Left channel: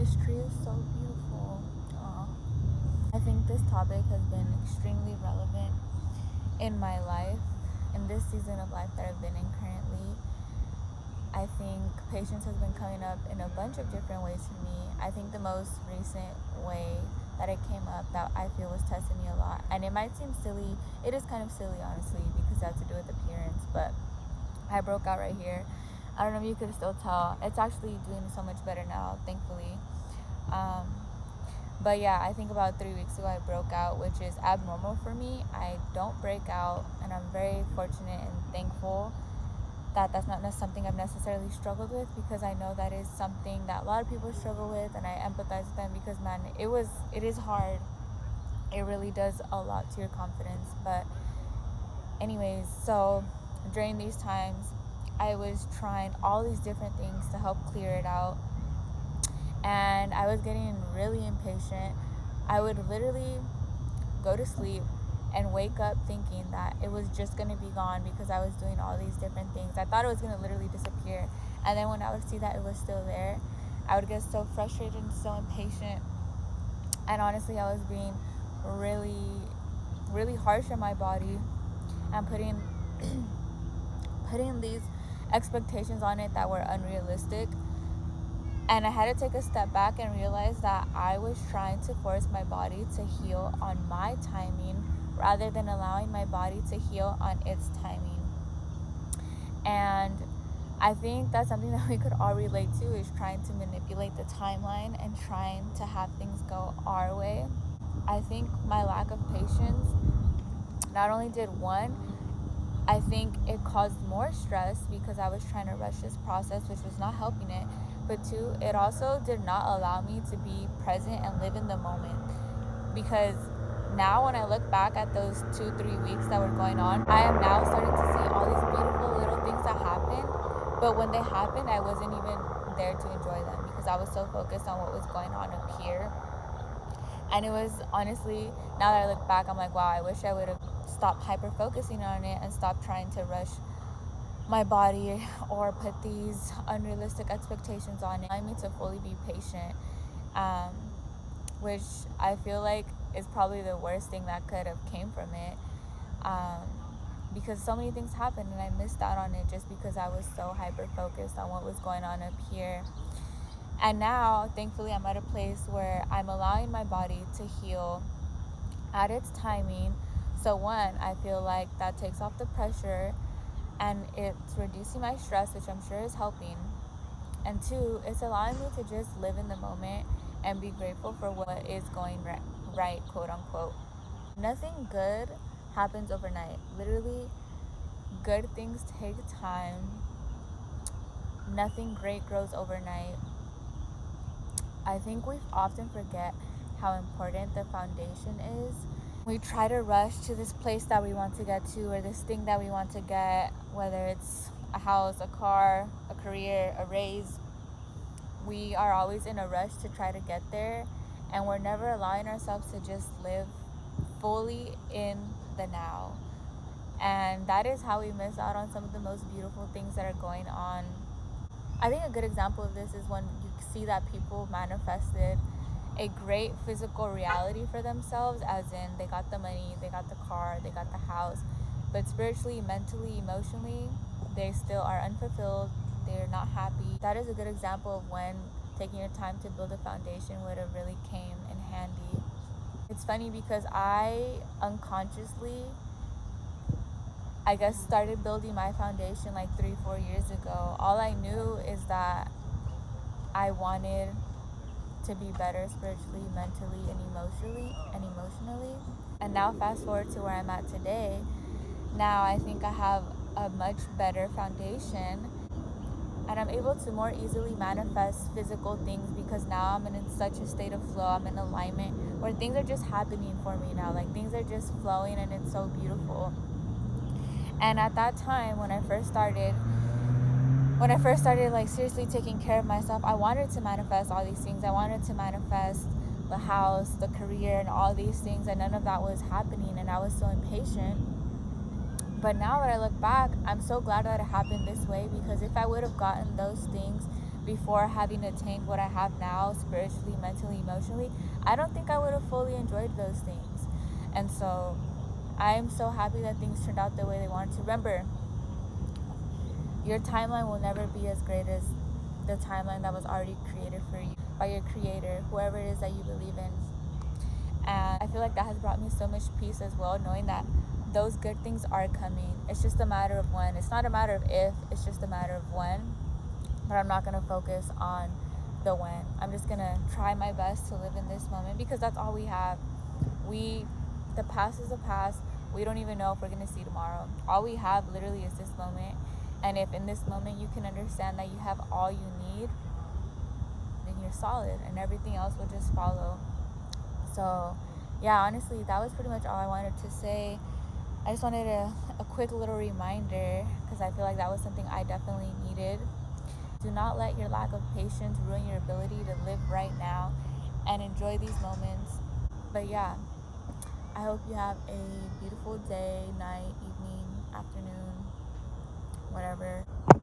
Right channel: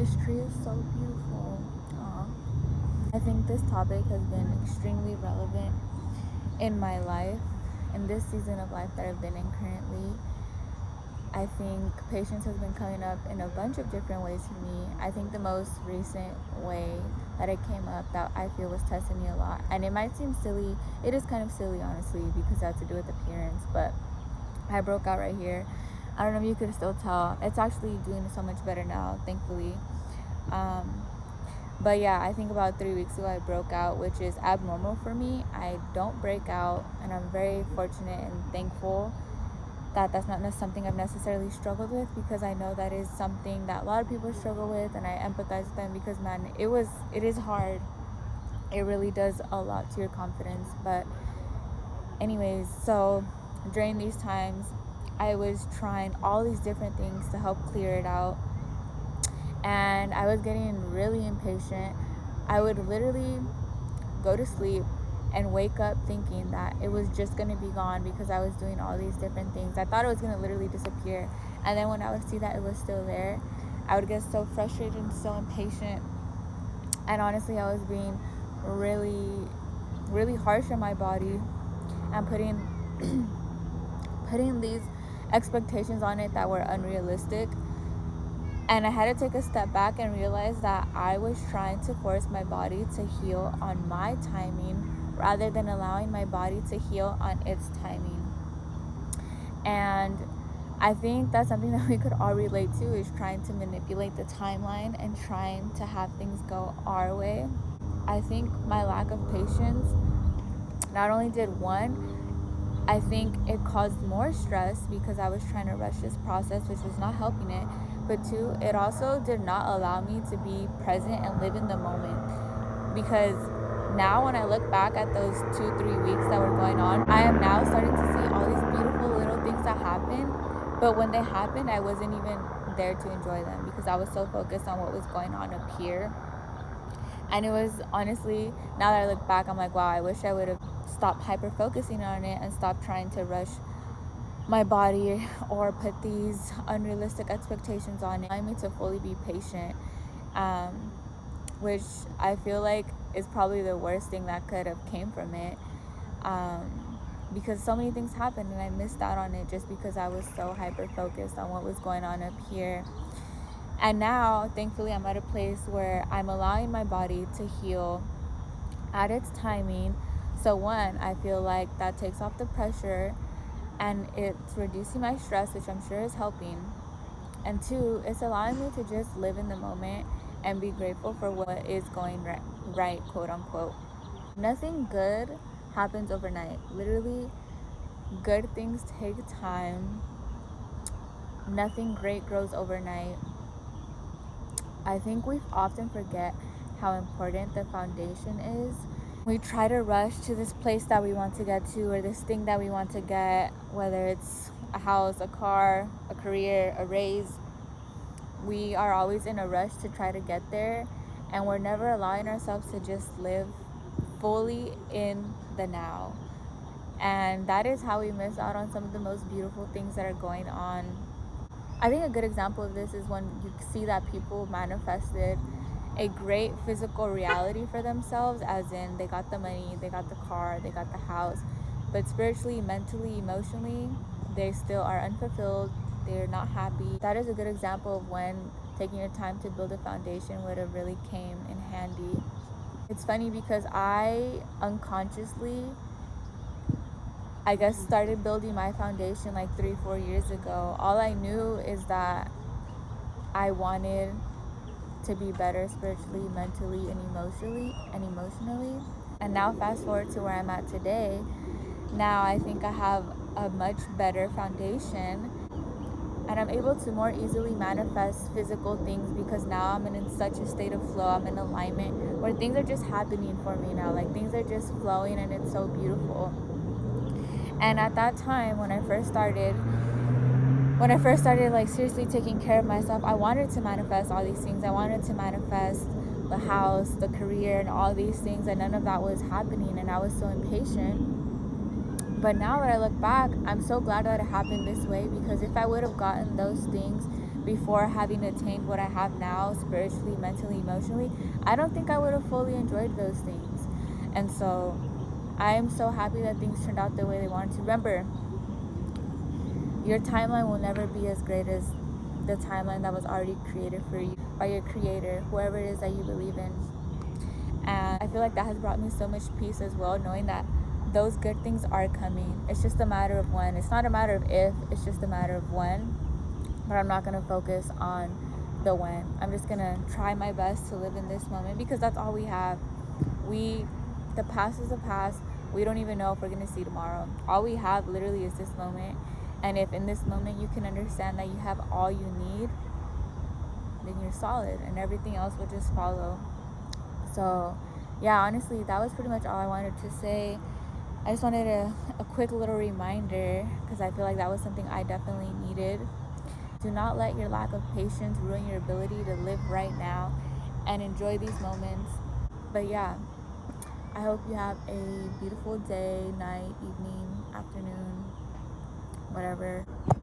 This tree is so beautiful. Aw. I think this topic has been extremely relevant in my life, in this season of life that I've been in currently. I think patience has been coming up in a bunch of different ways for me. I think the most recent way that it came up that I feel was testing me a lot, and it might seem silly, it is kind of silly honestly, because it has to do with appearance, but I broke out right here. I don't know if you could still tell. It's actually doing so much better now, thankfully. But yeah, I think about 3 weeks ago I broke out, which is abnormal for me. I don't break out, and I'm very fortunate and thankful that that's not something I've necessarily struggled with, because I know that is something that a lot of people struggle with, and I empathize with them because, man, it is hard. It really does a lot to your confidence. But anyways, so during these times I was trying all these different things to help clear it out, and I was getting really impatient. I would literally go to sleep and wake up thinking that it was just going to be gone because I was doing all these different things. I thought it was going to literally disappear. And then when I would see that it was still there, I would get so frustrated and so impatient. And honestly, I was being really, really harsh on my body and putting these expectations on it that were unrealistic. And I had to take a step back and realize that I was trying to force my body to heal on my timing rather than allowing my body to heal on its timing. And I think that's something that we could all relate to, is trying to manipulate the timeline and trying to have things go our way. I think my lack of patience not only did one, I think it caused more stress because I was trying to rush this process, which was not helping it. But two, it also did not allow me to be present and live in the moment. Because now when I look back at those 2-3 weeks that were going on, I am now starting to see all these beautiful little things that happened. But when they happened, I wasn't even there to enjoy them because I was so focused on what was going on up here. And it was honestly, now that I look back, I'm like, wow, I wish I would have stopped hyper focusing on it and stopped trying to rush my body or put these unrealistic expectations on it. I need to fully be patient, which I feel like is probably the worst thing that could have came from it, because so many things happened and I missed out on it just because I was so hyper focused on what was going on up here. And now, thankfully, I'm at a place where I'm allowing my body to heal at its timing. So one, I feel like that takes off the pressure and it's reducing my stress, which I'm sure is helping. And two, it's allowing me to just live in the moment and be grateful for what is going right, quote unquote. Nothing good happens overnight. Literally, good things take time. Nothing great grows overnight. I think we often forget how important the foundation is. We try to rush to this place that we want to get to, or this thing that we want to get, whether it's a house, a car, a career, a raise. We are always in a rush to try to get there, and we're never allowing ourselves to just live fully in the now. And that is how we miss out on some of the most beautiful things that are going on. I think a good example of this is when you see that people manifested a great physical reality for themselves, as in they got the money, they got the car, they got the house, but spiritually, mentally, emotionally, they still are unfulfilled, they're not happy. That is a good example of when taking your time to build a foundation would have really came in handy. It's funny because I unconsciously, I guess, started building my foundation like 3-4 years ago. All I knew is that I wanted to be better spiritually, mentally, and emotionally. And now fast forward to where I'm at today. Now I think I have a much better foundation, and I'm able to more easily manifest physical things because now I'm in such a state of flow. I'm in alignment where things are just happening for me now. Like, things are just flowing and it's so beautiful. And at that time, when I first started like seriously taking care of myself, I wanted to manifest all these things. I wanted to manifest the house, the career, and all these things, and none of that was happening, and I was so impatient. But now that I look back, I'm so glad that it happened this way, because if I would have gotten those things before having attained what I have now, spiritually, mentally, emotionally, I don't think I would have fully enjoyed those things. And so I am so happy that things turned out the way they wanted to. Remember, your timeline will never be as great as the timeline that was already created for you by your creator, whoever it is that you believe in. And I feel like that has brought me so much peace as well, knowing that those good things are coming. It's just a matter of when. It's not a matter of if, it's just a matter of when. But I'm not going to focus on the when. I'm just going to try my best to live in this moment, because that's all we have. The past is the past. We don't even know if we're going to see tomorrow. All we have literally is this moment. And if in this moment you can understand that you have all you need, then you're solid, and everything else will just follow. So yeah, honestly, that was pretty much all I wanted to say. I just wanted a quick little reminder, because I feel like that was something I definitely needed. Do not let your lack of patience ruin your ability to live right now and enjoy these moments. But yeah, I hope you have a beautiful day, night, evening, afternoon, whatever.